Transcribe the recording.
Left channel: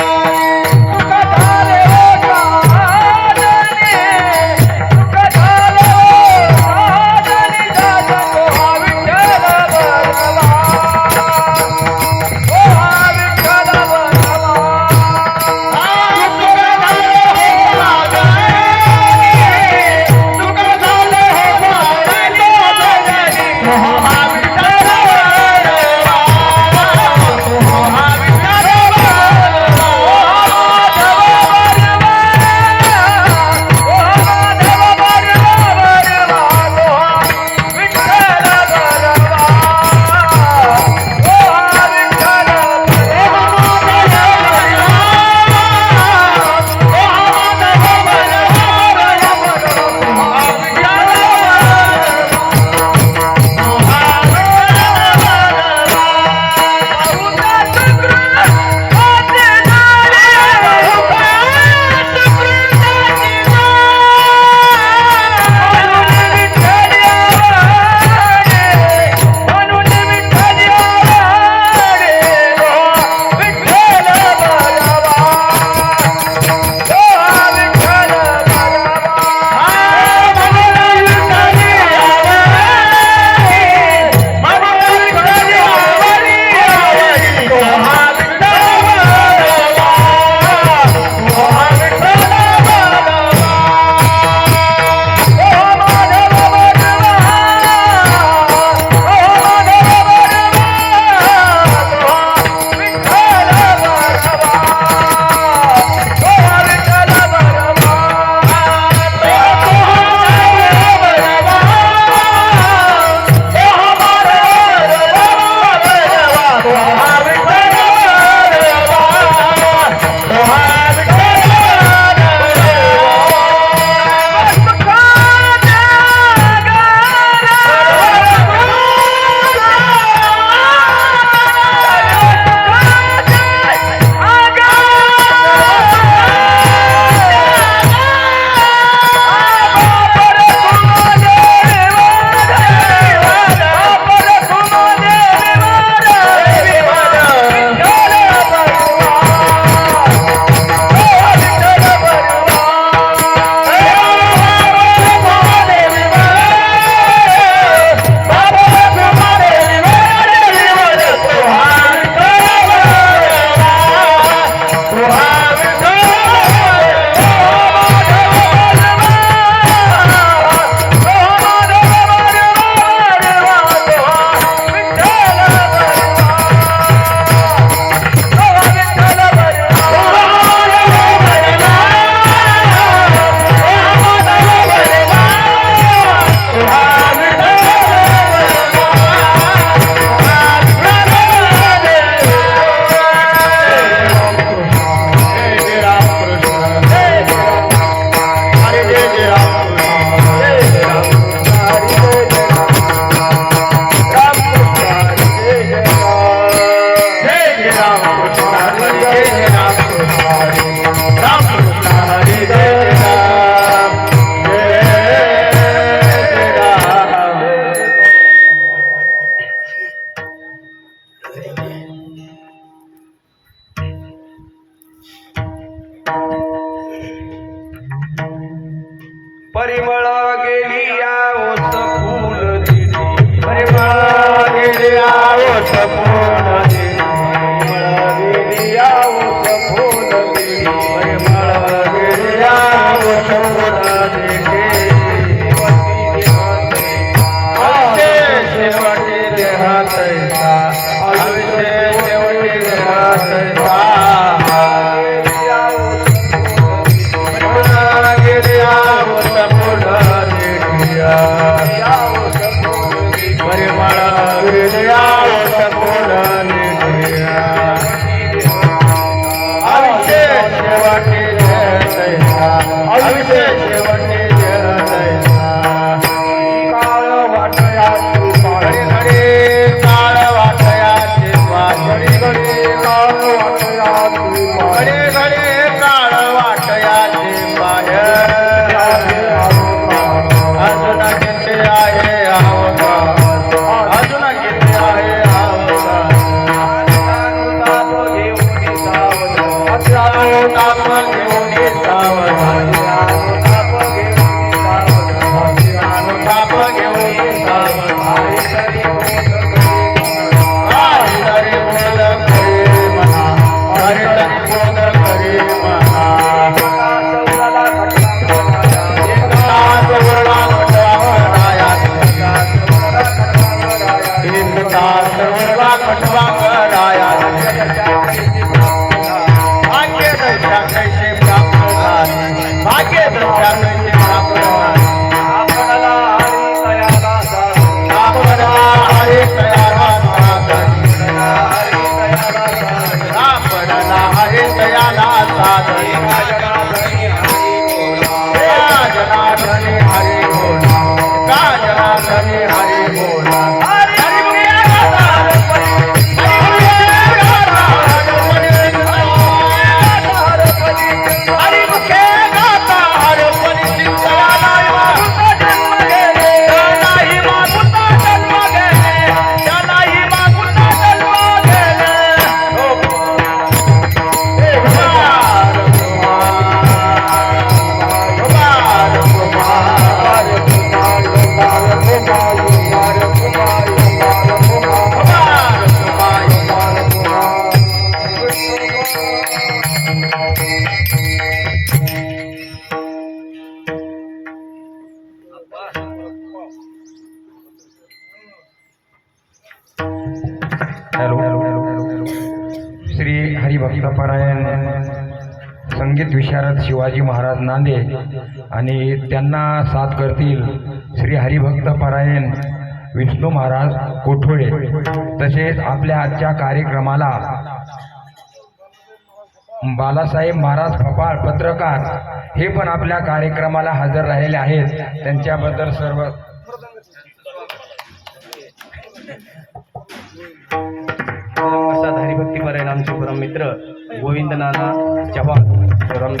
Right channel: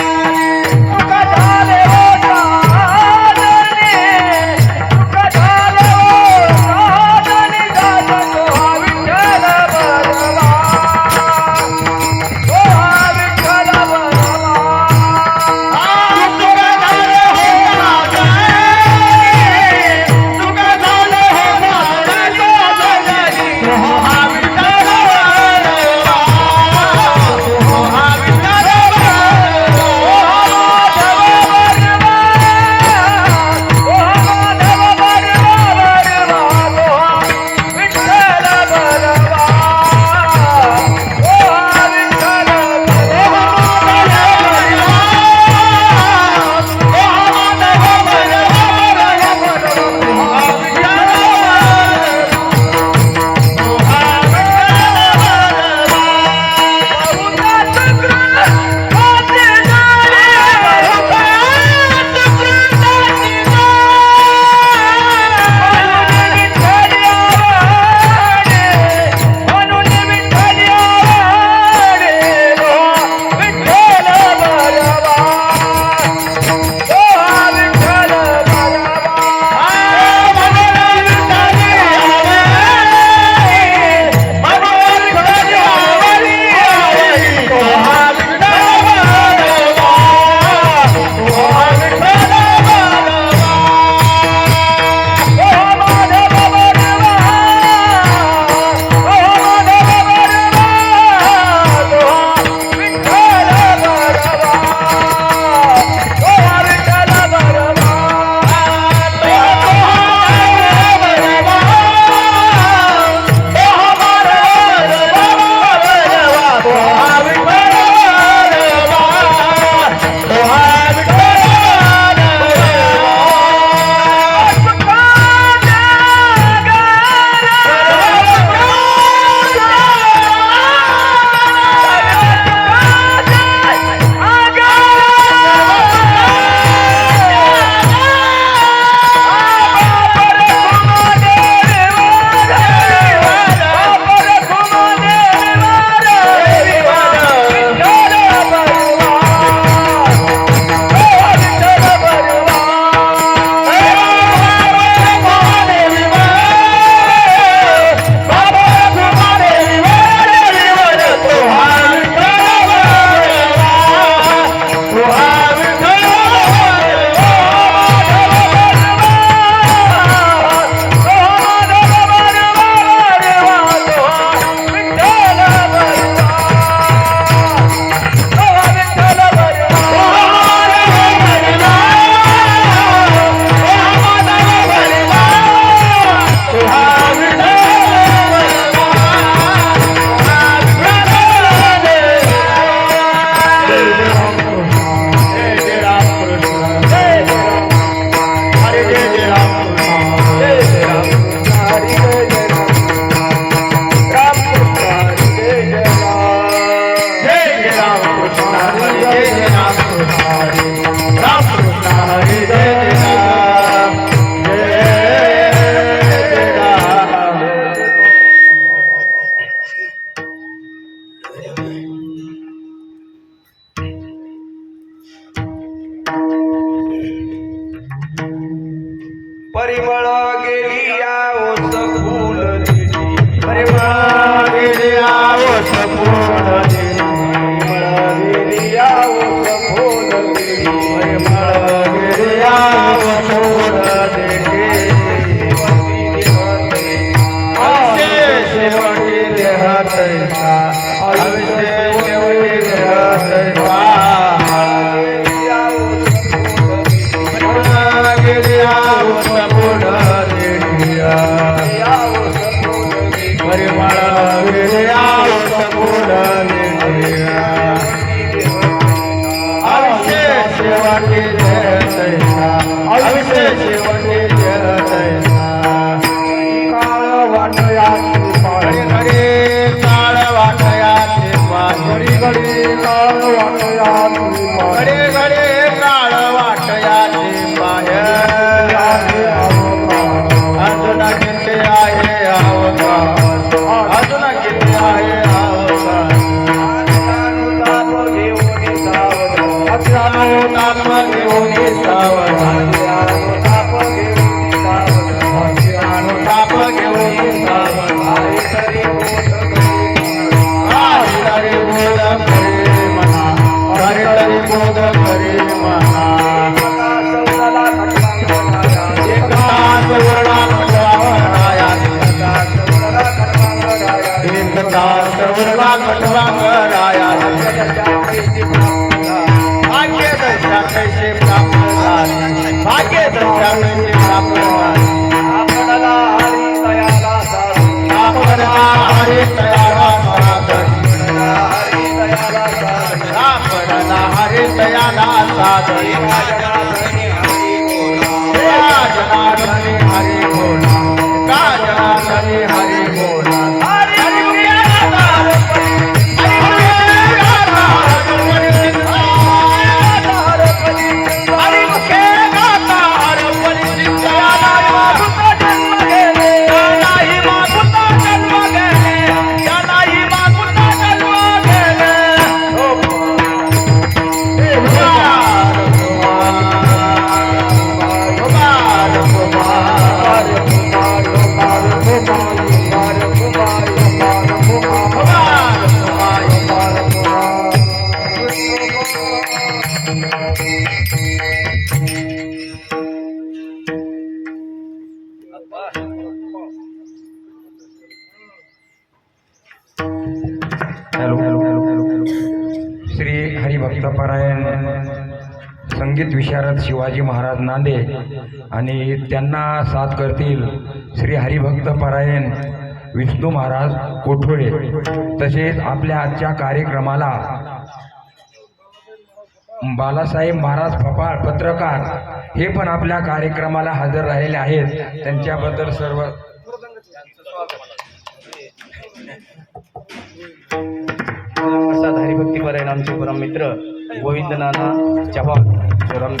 Música संगीत विशारद शिवाजी महाराज नांदे आणि त्यांना साथ करतील श्री हरिभक्त पारायण विष्णू महाराज कोठोळे. तसेच आपल्या आजच्या कार्यक्रमाला बालासाहेब महाराज फपाळ पत्रकार हे पण आपल्या कार्यक्रमाला हजर राहिलेले आहेत. त्यांच्याबद्दल सर्व असा हरिभक्ती परायण आमचे परम मित्र गोविंद नाना चव्हाण. প্রদান